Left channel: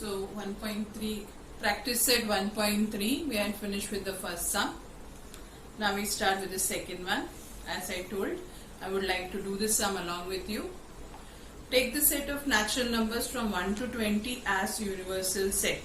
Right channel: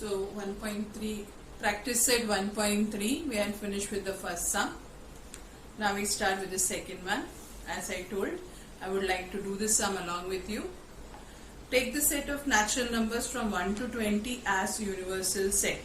So 1.3, practice set 1.3, we are finished with the first sum. Now we start with the second one. As I told, I would like to do this sum along with you. Take the set of natural numbers from 1 to 20 as universal set.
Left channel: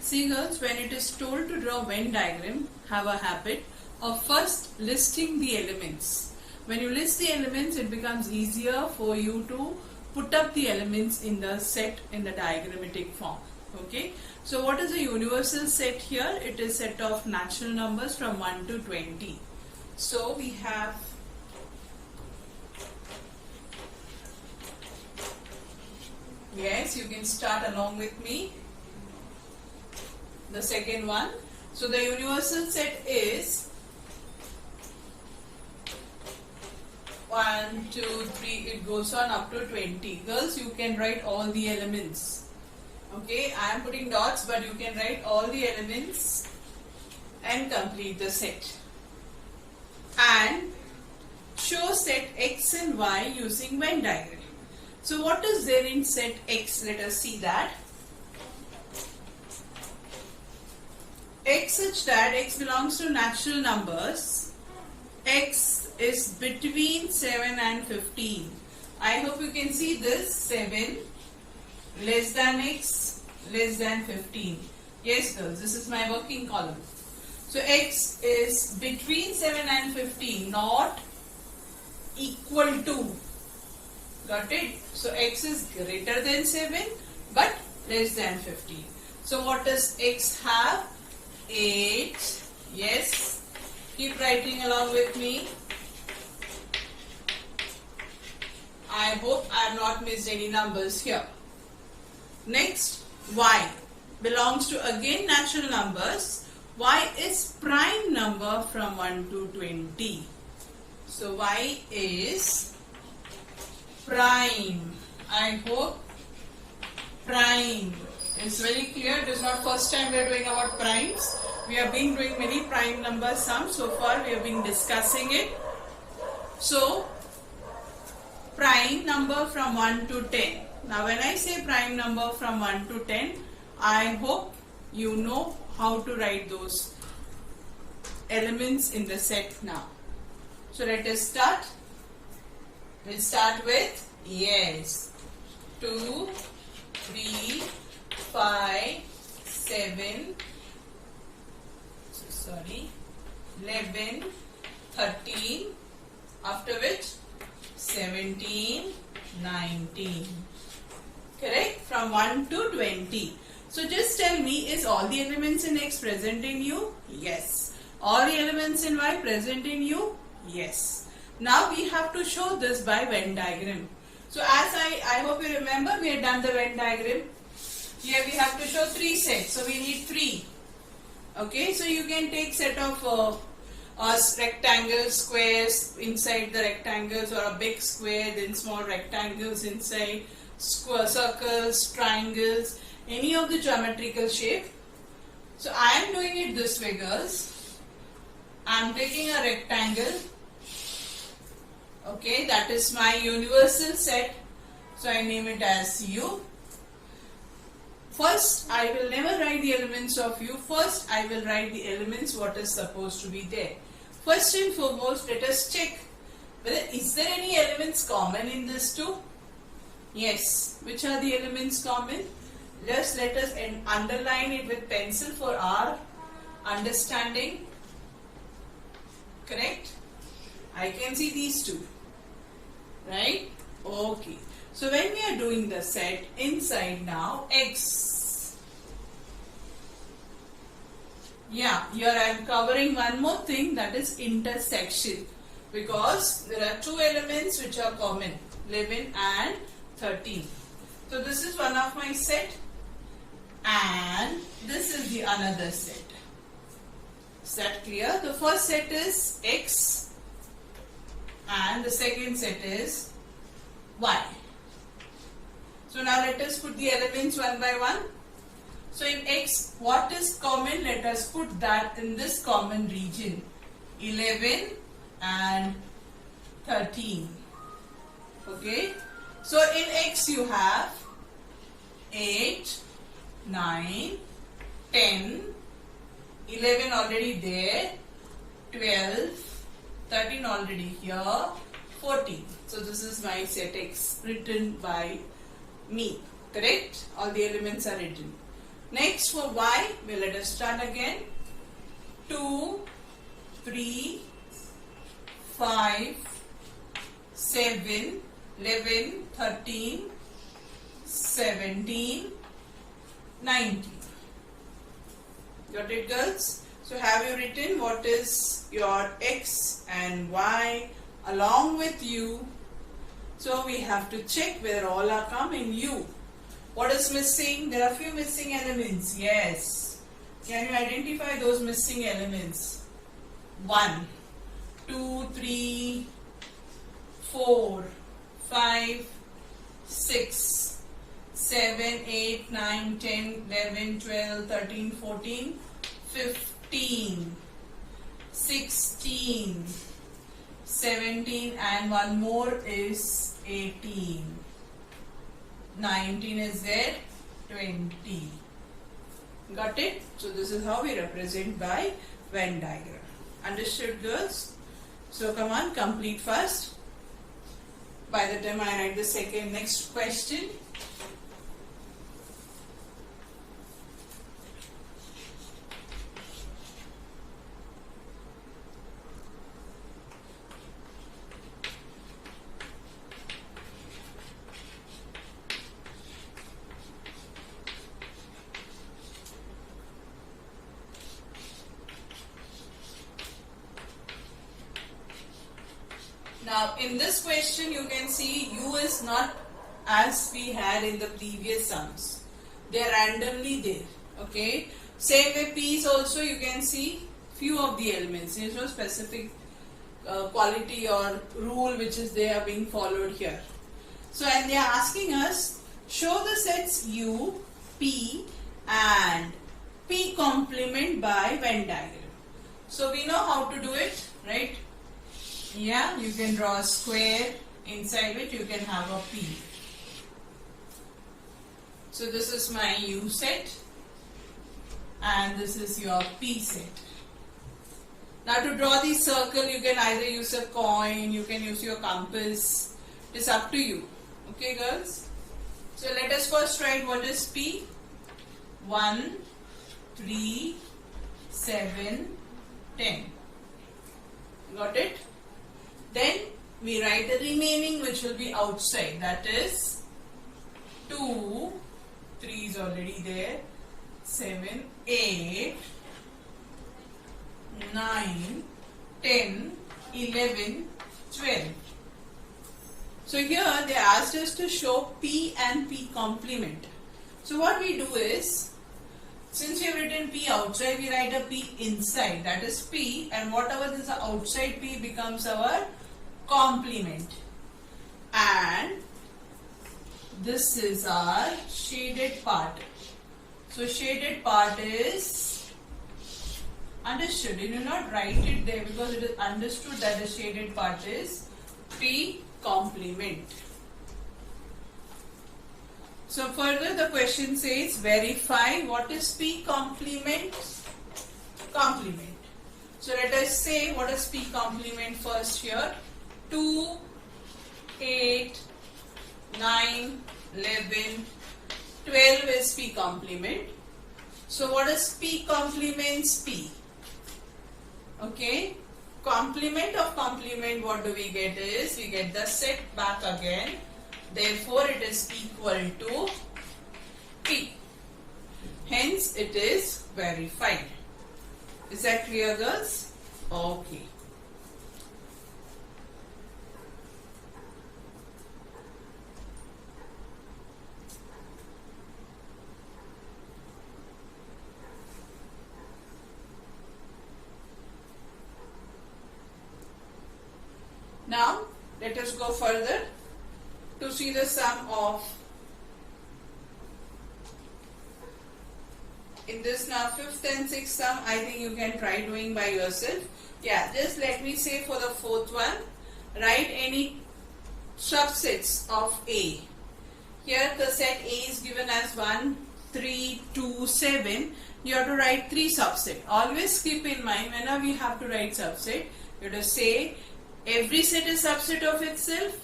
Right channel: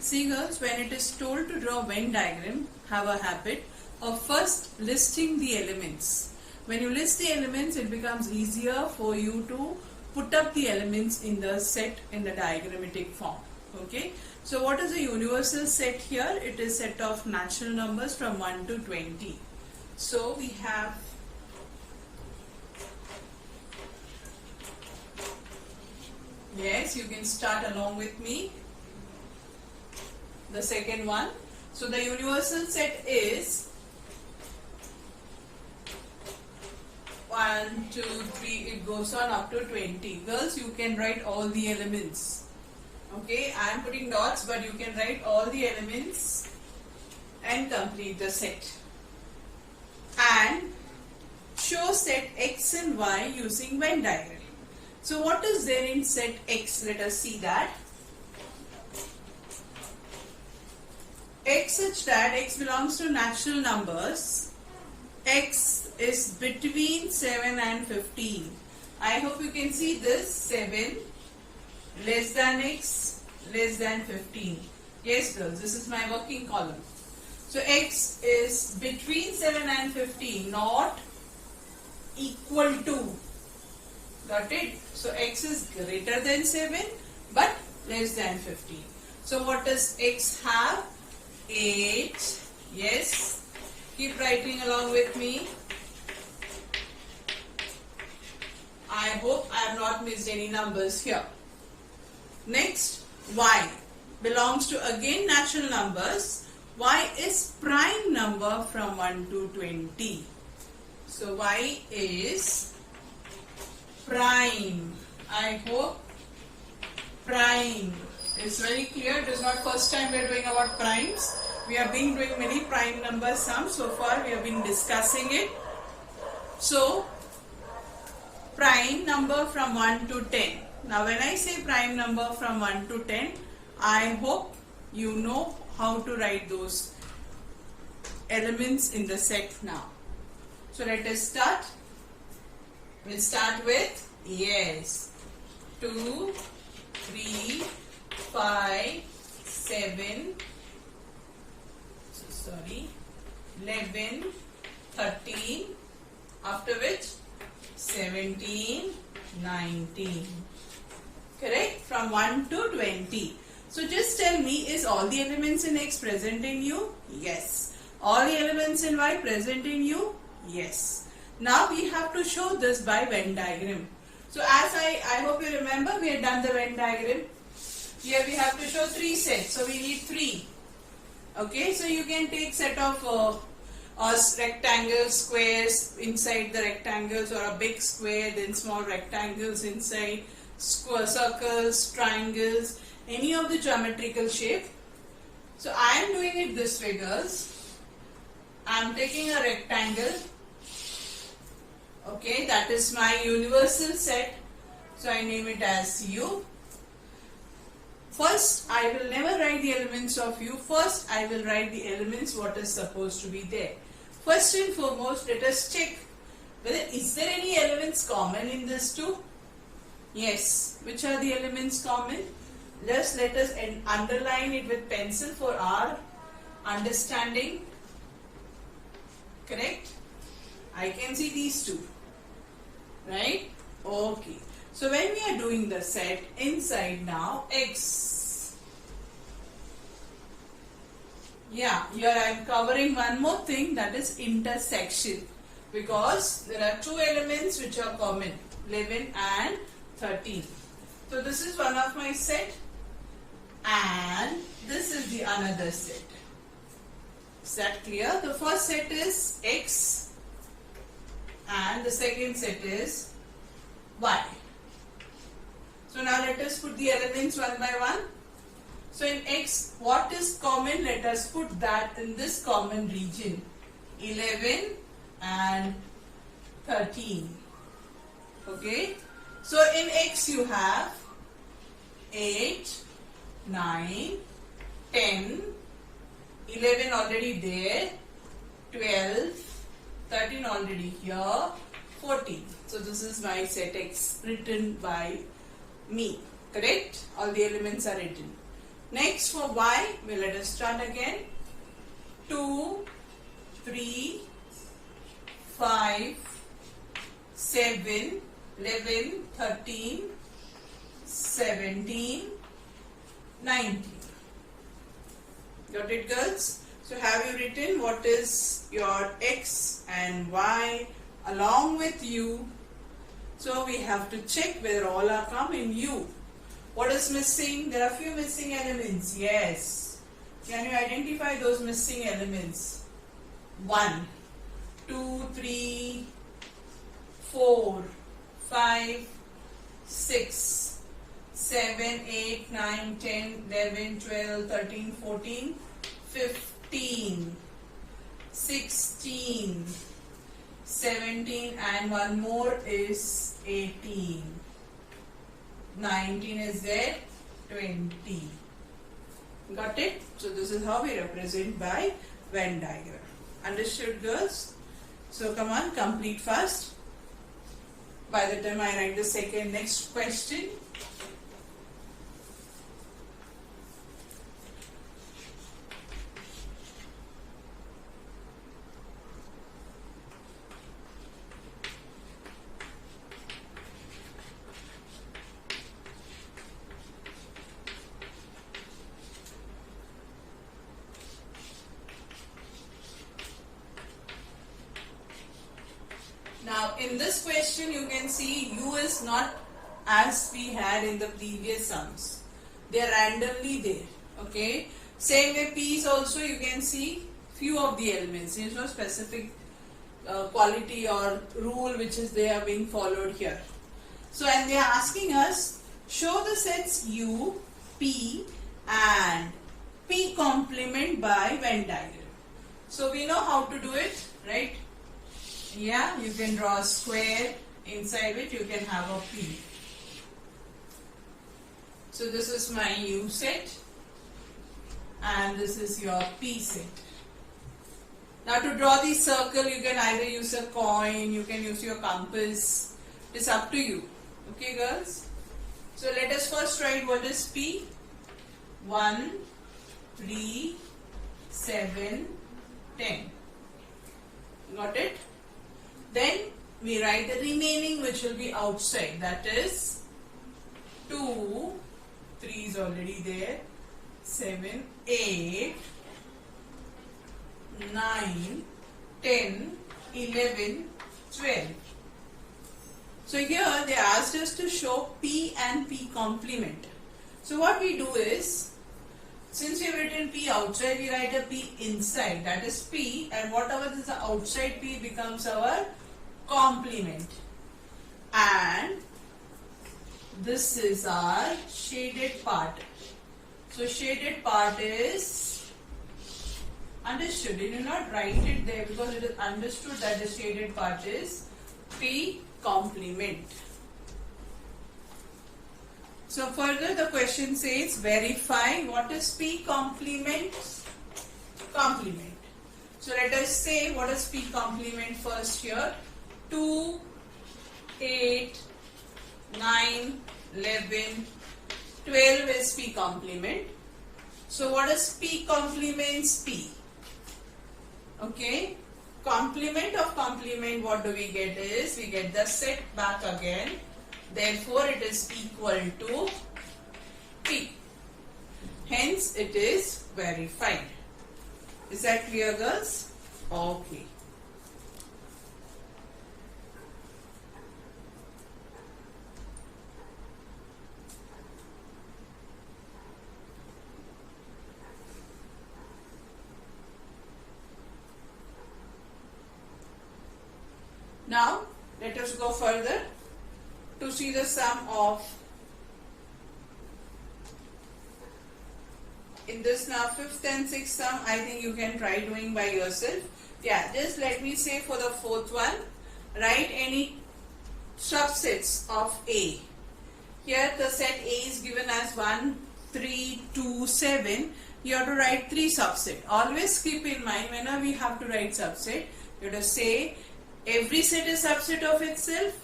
See girls, when it is told to draw Venn diagram, have a habit of first listing the elements. When you list the elements, it becomes easier for you to put up the elements in the set in the diagrammatic form. Okay, so what is the universal set here? It is set of natural numbers from 1 to 20. So we have yes, you can start along with me. The second one. So the universal set is 1, 2, 3, it goes on up to 20. Girls, you can write all the elements. Okay, I am putting dots, but you can write all the elements and complete the set. And show set X and Y using Venn diagram. So what is there in set X? Let us see that. X such that X belongs to natural numbers. X is between 7 and 15. I hope you can see this. 7 less than X less than 15. Yes girls, this is my working column. So X is between 7 and 15, not equal to. Got it? So X is greater than 7 but less than 15. So what does X have? 8. Yes. Keep writing along with me. I hope I have not missed any numbers here. Next, Y belongs to again natural numbers. Y is prime number from 1 to 20. So Y is prime. I hope prime is very clear. It is not first time we are doing about primes. We have been doing many prime number sums. So far we have been discussing it. So prime number from 1 to 10. Now when I say prime number from 1 to 10, I hope you know how to write those elements in the set now. So let us start. We'll start with yes, 2, 3, 5, 7, 11, 13, after which 17, 19. Correct? From 1 to 20. So just tell me, is all the elements in X present in U? Yes. All the elements in Y present in U? Yes. Now we have to show this by Venn diagram. So as I hope you remember, we had done the Venn diagram. Here we have to show 3 sets. So we need 3. Okay, so you can take set of rectangles, squares inside the rectangles, or a big square, then small rectangles inside, circles, triangles, any of the geometrical shape. So I am doing it this way, girls. I am taking a rectangle. Okay, that is my universal set. So I name it as U. First, I will never write the elements of U. First, I will write the elements what is supposed to be there. First and foremost, let us check whether is there any elements common in this too? Yes. Which are the elements common? Just let us underline it with pencil for our understanding. Correct? I can see these two. Right? Okay. So when we are doing the set inside now, X. Yeah, here I am covering one more thing, that is intersection. Because there are 2 elements which are common, 11 and 13. So this is one of my set and this is the another set. Is that clear? The first set is X and the second set is Y. So now let us put the elements one by one. So in X, what is common? Let us put that in this common region. 11 and 13. Okay. So in X you have 8, 9, 10, 11 already there, 12, 13 already here, 14. So this is my set X written by me. Correct? All the elements are written. Next for Y, well, let us start again. 2, 3, 5, 7, 11, 13, 17, 19. Got it, girls? So have you written what is your X and Y along with U? So we have to check whether all are come in U. What is missing? There are few missing elements. Yes. Can you identify those missing elements? 1, 2, 3, 4, 5, 6, 7, 8, 9, 10, 11, 12, 13, 14, 15, 16, 17, and one more is 18. 19 is there, 20. Got it? So this is how we represent by Venn diagram. Understood, girls? So come on, complete fast. By the time I write the next question. Now in this question you can see U is not as we had in the previous sums. They are randomly there. Okay. Same way P is also you can see few of the elements. There is no specific quality or rule which is there being followed here. So and they are asking us show the sets U, P and P complement by Venn diagram. So we know how to do it, right? Yeah, you can draw a square, inside it you can have a P. So this is my U set and this is your P set. Now to draw the circle you can either use a coin, you can use your compass, it's up to you. Okay girls? So let us first write what is P. 1, 3, 7, 10. Got it? Then we write the remaining which will be outside, that is 2, 3 is already there, 7, 8, 9, 10, 11, 12. So here they asked us to show P and P complement. So what we do is, since we have written P outside, we write a P inside, that is P, and whatever is the outside P becomes our complement. And this is our shaded part. So shaded part is understood. You do not write it there because it is understood that the shaded part is P complement. So further the question says verify what is P complement. Complement. So let us say what is P complement first here. 2, 8, 9, 11, 12 is P complement. So what is P complements P? Okay. Complement of complement, what do we get is, we get the set back again. Therefore, it is equal to P. Hence, it is verified. Is that clear, girls? Okay. Now, let us go further to see the sum of, in this now 5th and 6th sum, I think you can try doing by yourself. Yeah, just let me say for the 4th one, write any subsets of A. Here the set A is given as 1, 3, 2, 7, you have to write 3 subset. Always keep in mind whenever we have to write subset, you have to say every set is subset of itself,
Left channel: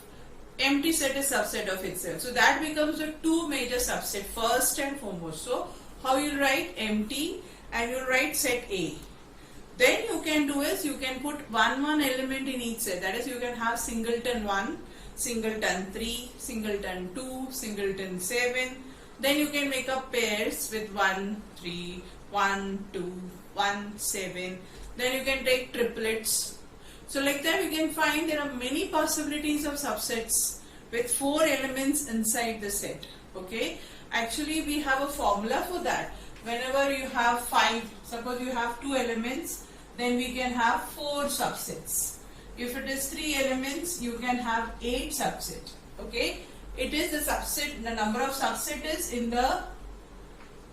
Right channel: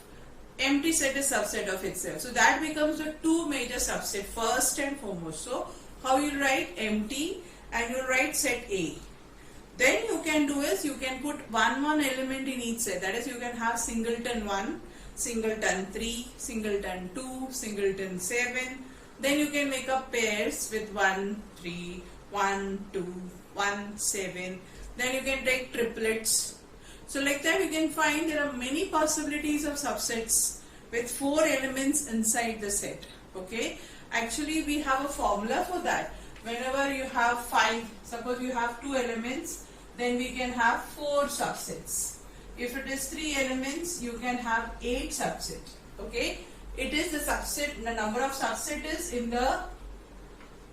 empty set is subset of itself. So that becomes the 2 major subset first and foremost. So how you write empty and you write set A. Then you can do is you can put one element in each set. That is, you can have singleton 1, singleton 3, singleton 2, singleton 7. Then you can make up pairs with 1, 3, 1, 2, 1, 7. Then you can take triplets. So like that you can find there are many possibilities of subsets with 4 elements inside the set. Okay. Actually we have a formula for that. Whenever you have 5, suppose you have 2 elements, then we can have 4 subsets. If it is 3 elements, you can have 8 subsets. Okay. It is the subset, the number of subset is in the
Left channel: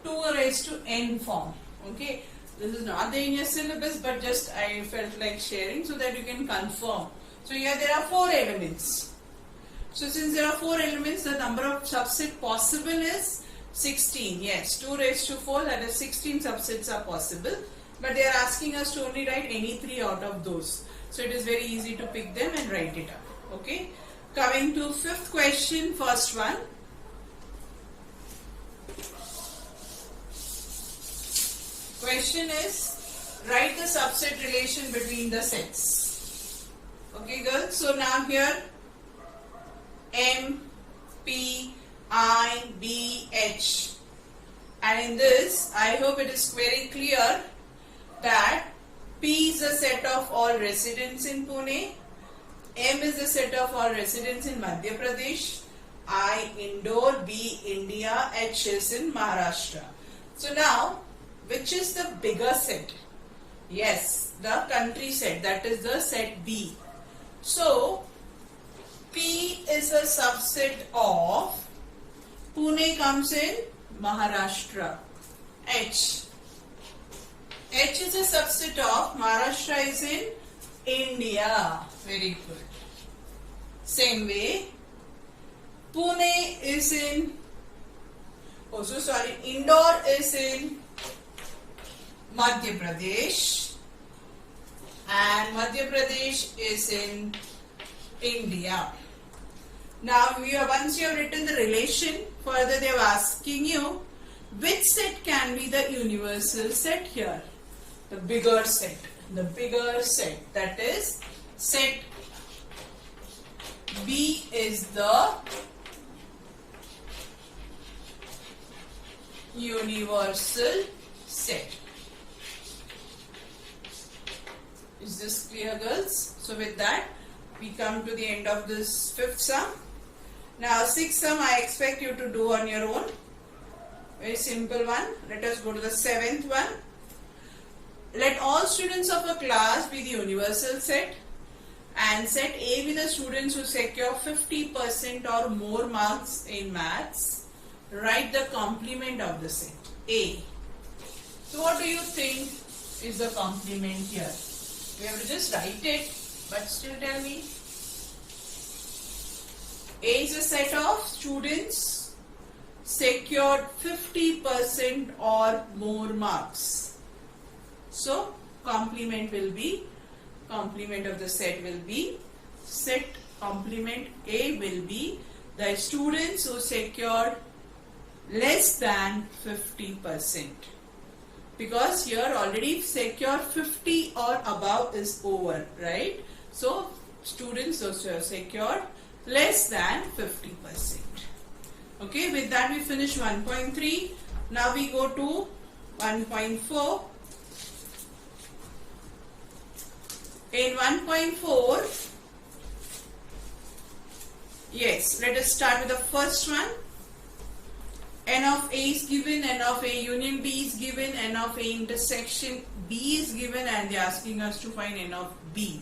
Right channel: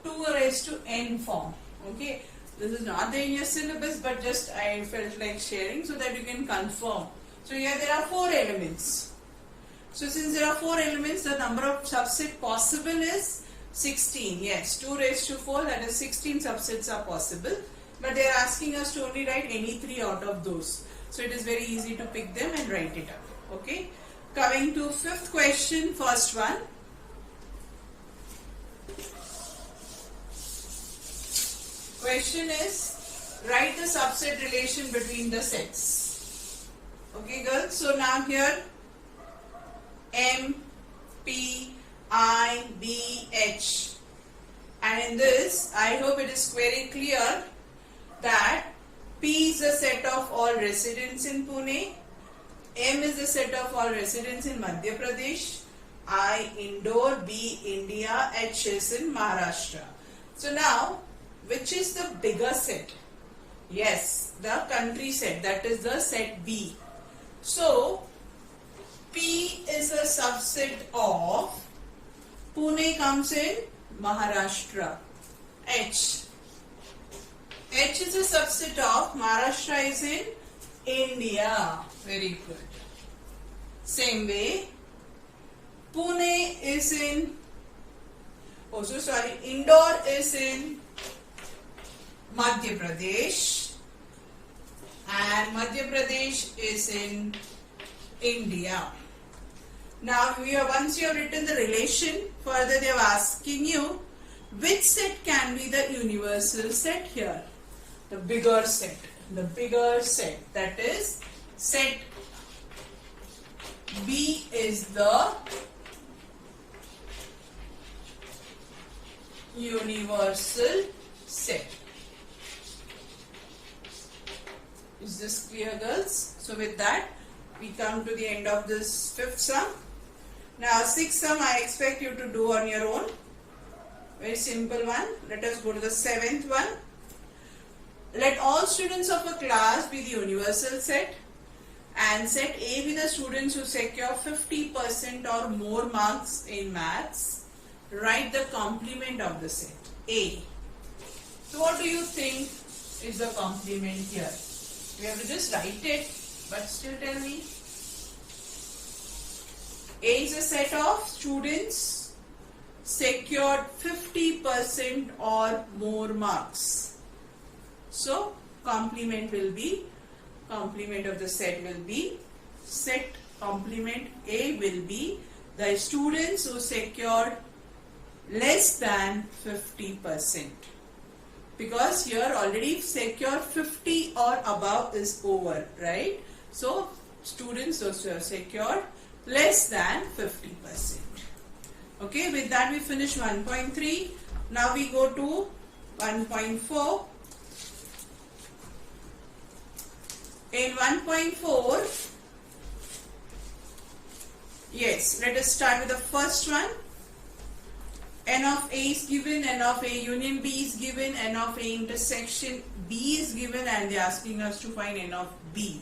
2 raised to n form. Okay. This is not there in your syllabus, but just I felt like sharing so that you can confirm. So here there are 4 elements. So since there are 4 elements, the number of subset possible is 16. Yes, 2 raised to 4, that is 16 subsets are possible. But they are asking us to only write any 3 out of those. So it is very easy to pick them and write it up. Okay. Coming to 5th question, first one. Question is, write the subset relation between the sets. Okay girls, so now here M, P, I, B, H, and in this I hope it is very clear that P is the set of all residents in Pune, M is the set of all residents in Madhya Pradesh, I Indore, B India, H is in Maharashtra. So now, which is the bigger set? Yes, the country set, that is the set B. So, P is a subset of, Pune comes in Maharashtra. H is a subset of, Maharashtra is in India. Very good. Same way, Pune is in, Indore is in Madhya Pradesh and Madhya Pradesh is in India. Now once you have written the relation, further they are asking you which set can be the universal set here. The bigger set. The bigger set, that is set B is the universal set. Is this clear girls? So with that we come to the end of this 5th sum. Now 6th sum I expect you to do on your own. Very simple one. Let us go to the 7th one. Let all students of a class be the universal set and set A be the students who secure 50% or more marks in maths. Write the complement of the set A. So what do you think is the complement here? We have to just write it, but still tell me. A is a set of students secured 50% or more marks. So complement will be, complement of the set will be, set complement A will be the students who secured less than 50%. Because here already secure 50 or above is over, right? So students who secured less than 50%. Okay, with that we finish 1.3. Now we go to 1.4. In 1.4, yes, let us start with the first one. N of A is given, N of A union B is given, N of A intersection B is given, and they are asking us to find N of B.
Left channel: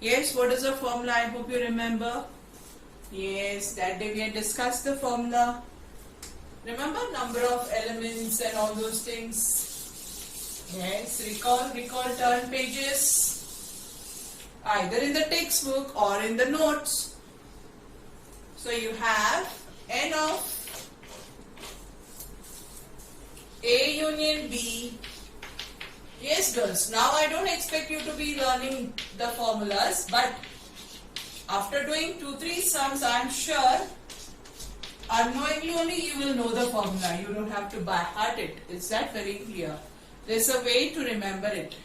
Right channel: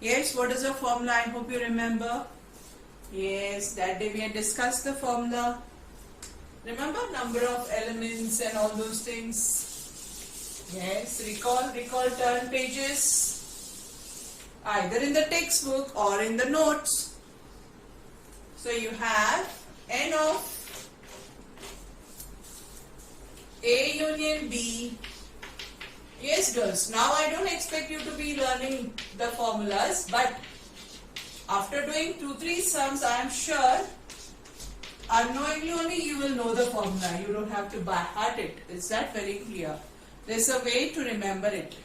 Yes, what is the formula? I hope you remember. Yes, that day we had discussed the formula. Remember number of elements and all those things. Yes, recall, turn pages. Either in the textbook or in the notes. So you have N of union B. Yes, girls. Now I don't expect you to be learning the formulas, but after doing 2-3 sums, I am sure unknowingly only you will know the formula. You don't have to by heart it. Is that very clear? There's a way to remember it.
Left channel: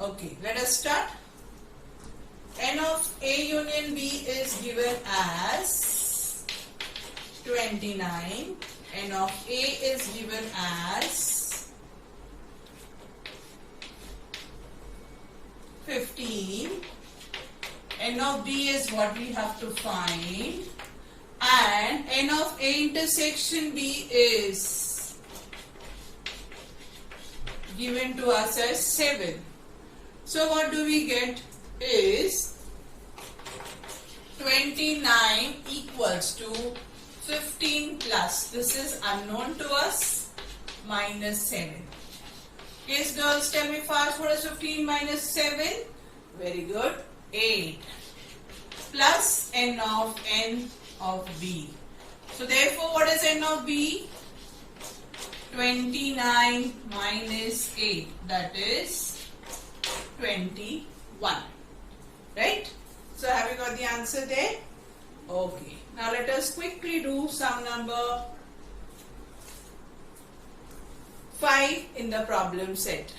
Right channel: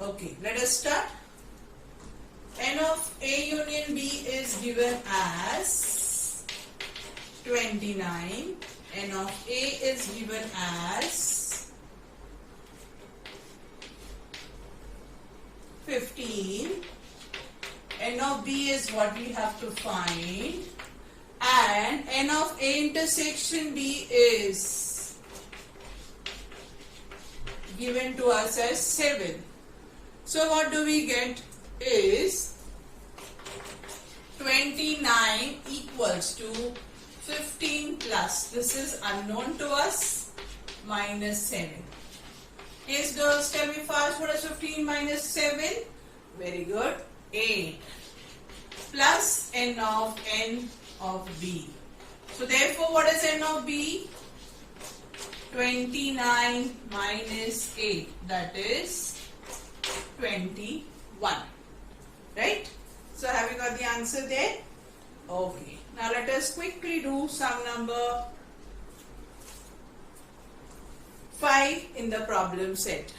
Okay, let us start. N of A union B is given as 29. N of A is given as 15. N of B is what we have to find. And N of A intersection B is given to us as 7. So what do we get is 29 equals to 15 plus, this is unknown to us, minus 7. Yes girls, tell me fast, what is 15 minus 7? Very good, 8 plus N of B. So therefore what is N of B? 29 minus 8, that is 21. Right? So have you got the answer there? Okay. Now let us quickly do sum number 5 in the problem set.